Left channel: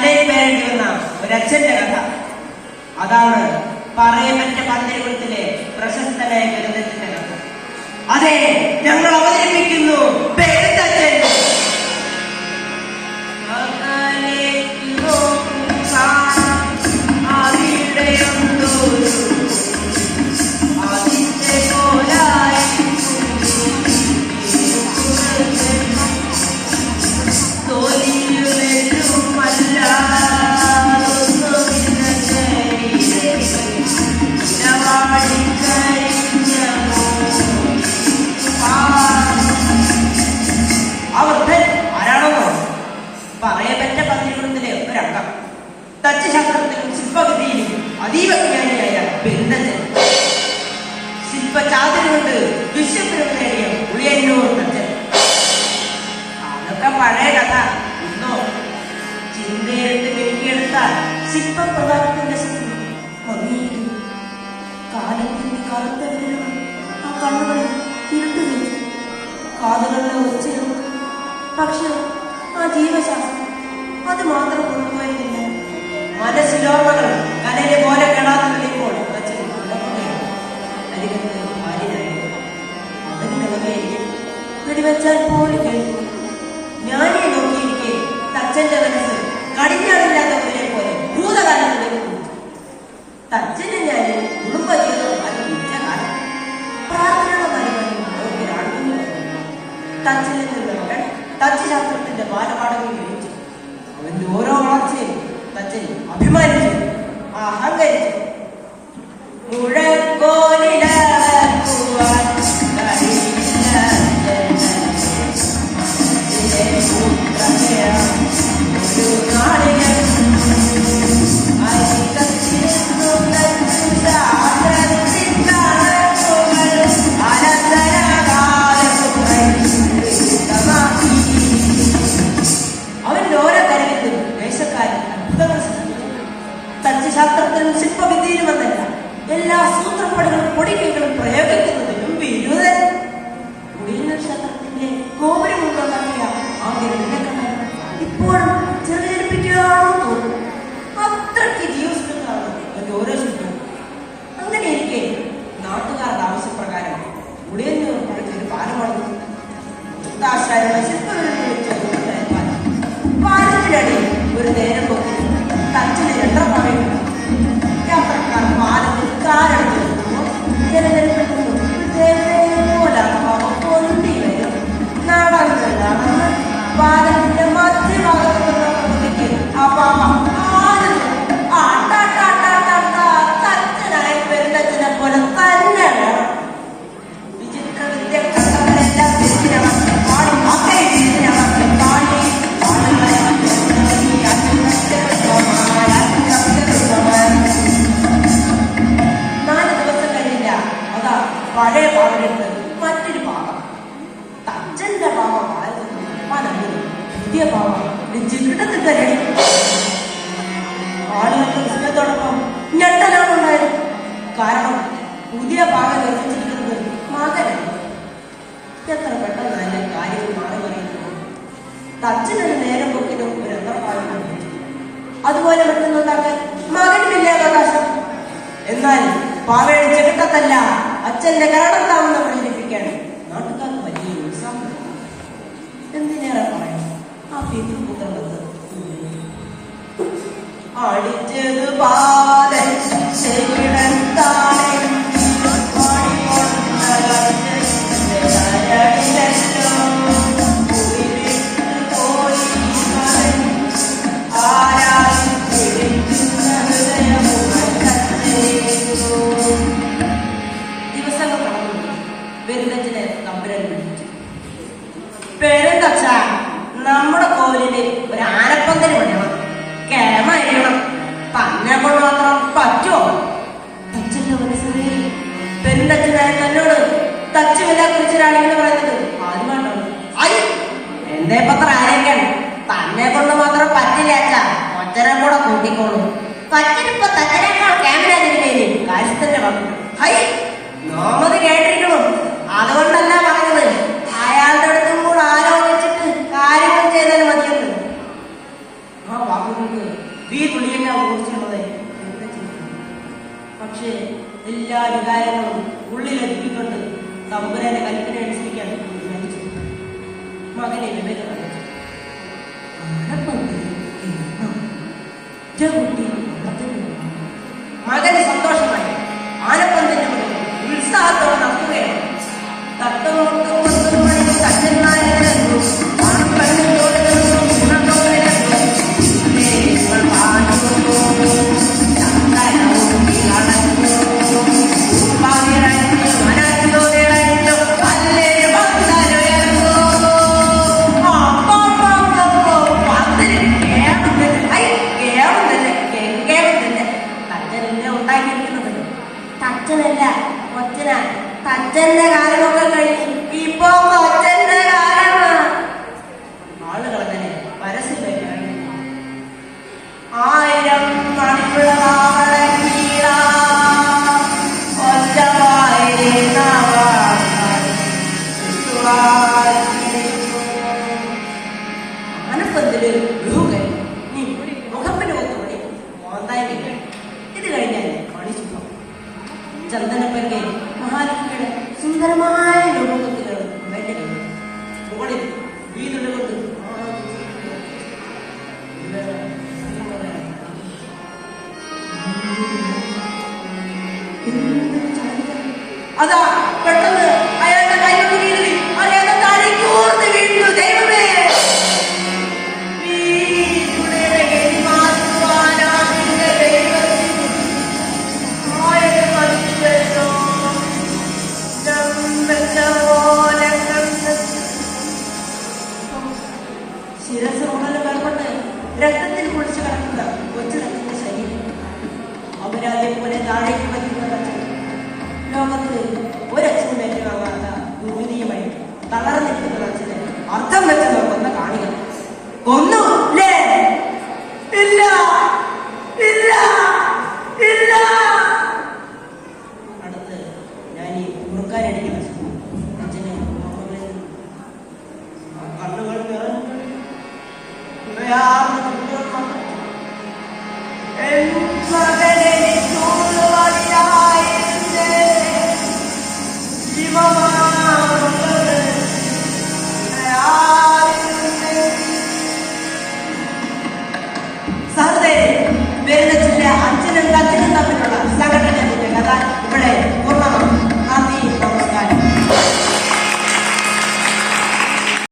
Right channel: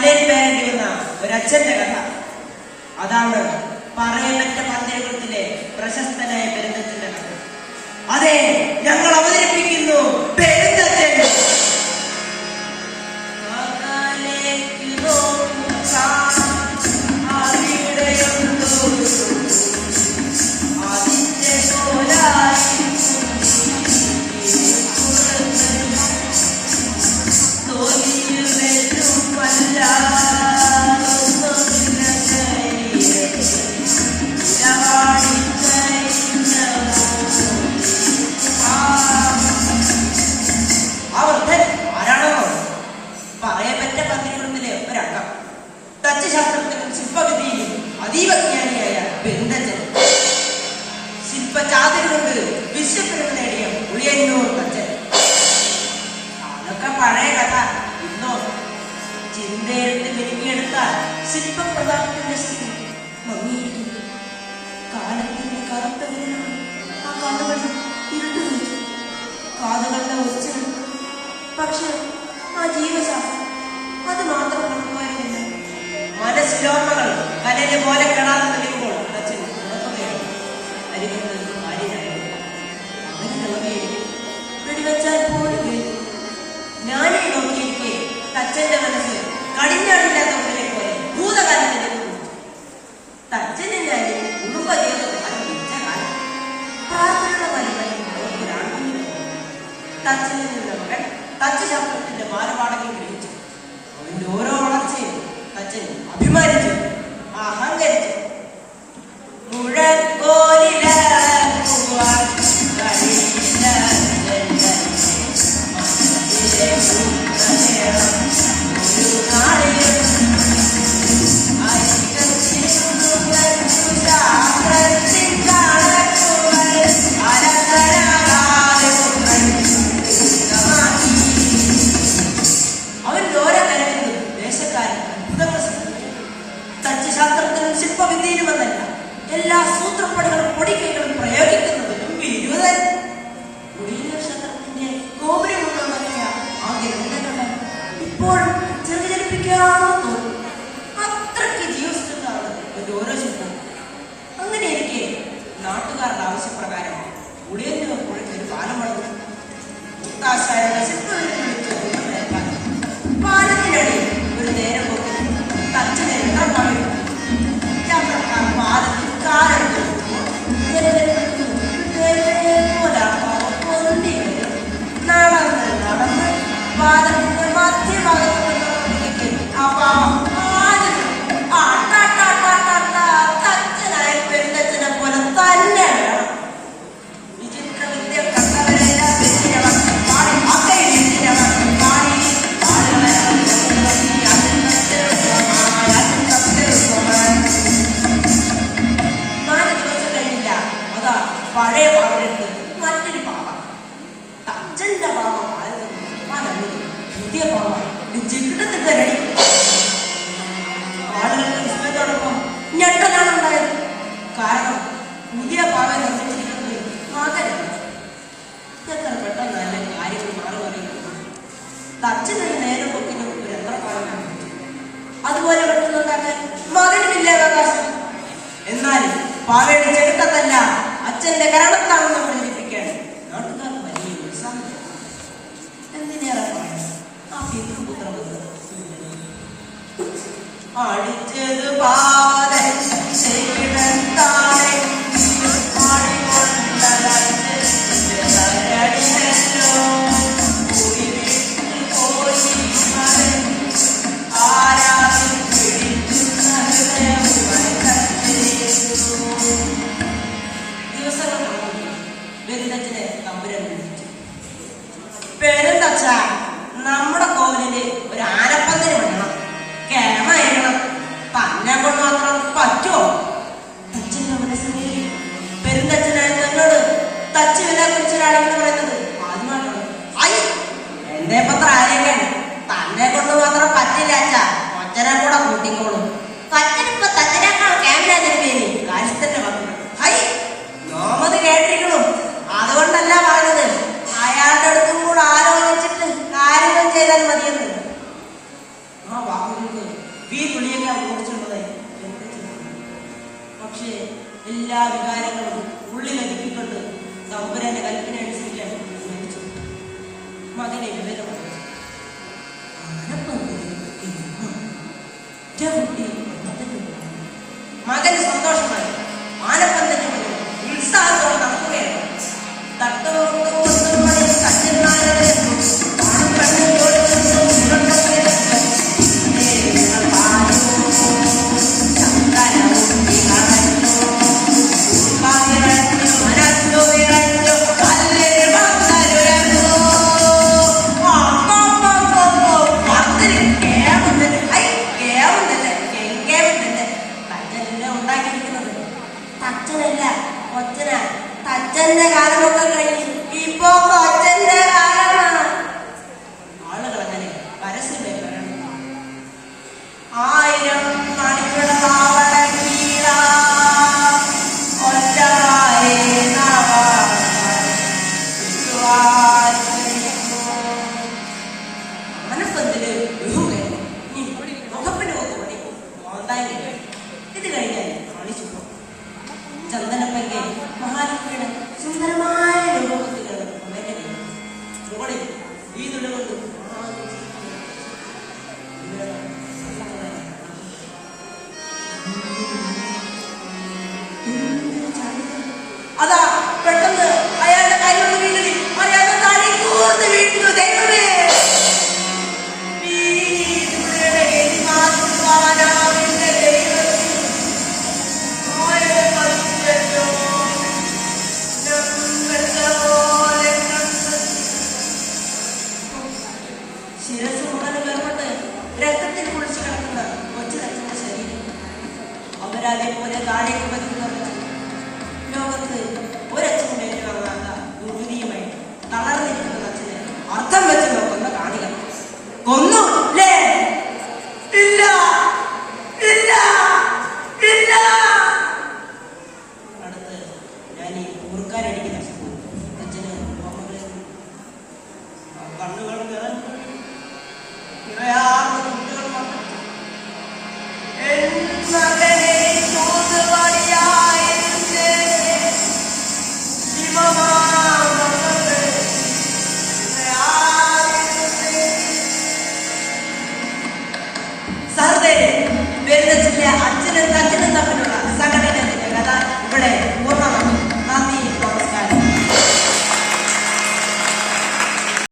തലയിൽ പേരേണ്ടി വന്ന ഒരച്ഛന്റെ കഥ. അതാണ് പറയപ്പെട്ട പന്തയകുളത്തിലെ പ്രശസ്തനായ പെരുന്തച്ഛന്റെ കഥ. അതെ, ഞങ്ങൾ അവതരിപ്പിക്കുന്നു പെരുന്തച്ഛൻ. തച്ചുശാസ്ത്രത്തിലും ശില്പവിദ്യയിലും അതീവജ്ഞാനിയായ പെരുന്തച്ഛൻ. ശില്പചാതുര്യം കൊണ്ട് വിശ്വപ്രഭ നേടിയ ഉളിയന്നൂർ തച്ചൻ. അതൊക്കെ പഴയ കഥ. ഇന്നോ ചിന്തയെടുത്ത് മെരുക്കിയെടുത്താൽ ശില്പപ്രതാപത്തിന്റെ സ്ഥിതി മങ്ങിയിരിക്കുന്നു. കാലത്തിന്റെ കറുത്ത വിരലുകൾ ആ കണ്ണുകൾ ഇരുട്ടു വെച്ചു, കാതുകളുടെ ഒച്ചകൾ. പക്ഷെ ആ ജീവശാസ്ത്രം അത് മാത്രം കൊടുക്കുകയില്ല. മനസ്സിലോർമ്മകൾ കനലെ പോലെ കെടാതെ തെളിയുമ്പോൾ വെടിവെച്ചാൽ പോലും കഴിയും. ഞാനീ നോക്കിയിരിക്കെ തച്ചന്റെ മനസ്സ് കടിഞ്ഞാടില്ലാത്ത പോലെ പോലെ ഭൂതകാലത്തിലേക്ക് കുറിച്ചു. തച്ചനെ ഞാൻ കുടുംബജീവിതം അനുഭവിച്ച കാലം പ്രാർത്ഥനയുടെ കാര്യങ്ങളും തച്ചനിൽ നിന്നവൻ തച്ചുശാസ്ത്രത്തിന്റെ ബാലപാഠങ്ങൾ ഗ്രഹിച്ചു. അവന്റെ ഓരോ വളർച്ചയും തച്ചൻ അഭിമാനിച്ചു, അഹങ്കരിച്ചു. മുഴക്കോലില തച്ചുശാസ്ത്രത്തിലും ശില്പവിദ്യയിലും എന്നല്ല, എല്ലാ സൂത്രപ്പടകളും പൊടിക്കൈകളും പ്രയോഗിക്കുന്നതിലും വിരുദ്ധൻ. ക്ഷേത്രത്തിന്റെ ഗോപുരമുണ്ടാക്കിയ ആകെ ഇപ്പോഴും ചെറുചരിപ്പിക്കാമെന്ന് തോന്നും. അത്രയ്ക്ക് ജീവസ്കൃതാണ് എന്റെ ഓരോ ശില്പവും. അങ്ങനെ എനിക്ക് നാട്ടുകാരുടെ ആവശ്യപ്രകാരം ഉളിയന്നൂർ പുഴയ്ക്ക് ഒരു പാലം വളർന്നു. പാലത്തിനടിയിൽ ഒരു നേരം പോക്കി തച്ചനെ പഴയ പാവലെടുത്ത് മറ്റൊരു പാവം. തച്ചന്റെ പാവം പുതിയ പാവം ജിഗിടത്തിൽ തരണി. ആളുകളുടെ വിസ്മയത്തോടൊപ്പം ഞെട്ടലാണ് ഉണ്ടായത്. കാരണം പുതിയ പാവം നിർമ്മിച്ചിരിക്കുന്നത് മകനാണ്. എത്ര പെട്ടെന്ന് അതിന്റെ കാര്യങ്ങൾ മാറി പറയുന്നത്. തച്ചനൊരു നേരം പോക്കിനും ഒരു എത്ര പാവനാണ്. അതുപോലെ പെട്ടെന്നുണ്ടാക്കാൻ മകനുമില്ലേ അവകാശം. എന്നാൽ പാവയുടെ ചെകിട്ടത്തല്ല, അച്ഛന്റെ കാരണത്താണെന്ന് പ്രചരിപ്പിക്കാൻ നാട്ടുകാർക്ക് വലിയ ഉത്സാഹം. എന്തിനേറെ പറയാം, ആ പിതൃപുത്രവത് അടിച്ചത് പാലൻ പെരുന്തച്ഛ, നമ്മുടെ കോലില് ഒരു ആനപ്പന്തല് പണിയണം, കേമയണം. തന്നെ കൊണ്ട് മാത്രം പറ്റുമോ? തച്ചന്റെ മനസ്സിനെ പെരുന്തച്ഛനായ തന്നോട് തച്ചുവിനെ കുറിച്ചൊരാണെങ്കിൽ പറയുന്നത് ആദ്യമായിട്ടാണ്. എന്റെ പത്ര ആരെയൊക്കെയാണ് തന്നെ കൊണ്ട് മാത്രം പറ്റില്ല. ഒറ്റനെ കൂടെ കൂട്ടിക്കോളൂ. പറ്റിനിപ്പോ തച്ചനേക്കാൾ ക്യാമറ പേര് കാശത്തിന്റെ പത്രം. ഹൈ, നോമത് കേട്ടിരിക്കണു. അതുകൊണ്ടല്ല പറഞ്ഞത്, അയാളുടെ അടുത്തും കൂടെ ആലോചിച്ചിട്ട് കാര്യങ്ങൾ ചെയ്താൽ മതിയെന്ന്. ആ വാക്കുകൾക്ക് ഈ തുണിയെല്ലാം ഓടിച്ചുള്ളതായി പക്ഷേ എല്ലാ വികാരങ്ങളും ഉള്ളിലൊതുക്കിക്കൊണ്ട് തമ്പുരാന്റെ കൽപ്പന അനുസരിക്കാൻ തീരുമാനിച്ചു. മകനെ വിവേകം കുട്ടി മകന് സന്തോഷമായി ആനപ്പന്തന്റെ ഉത്സാഹത്തോടെ നടക്കുകയാണ്. തച്ചന്റെ കാലമൊക്കെ കഴിഞ്ഞ് ഇപ്പൊ അച്ഛന്റെ കാലമാണ്. ആളുകൾ അങ്ങനെ പരസ്യം ആയിരം മനസ്സത്തില് മുഖപ്പിന് നോക്കുമ്പടി മോന്തായി ഇത് കഴിഞ്ഞാൽ കളിച്ചു ചന്ദനപ്പന്റെ മഹാലക്ഷ്മിയുടെ സുന്ദരമായ രൂപത്തിലാണ് അവന്റെ കൈ തോളിൽ വീതുകൊണ്ട് അതാ പെട്ടെന്ന്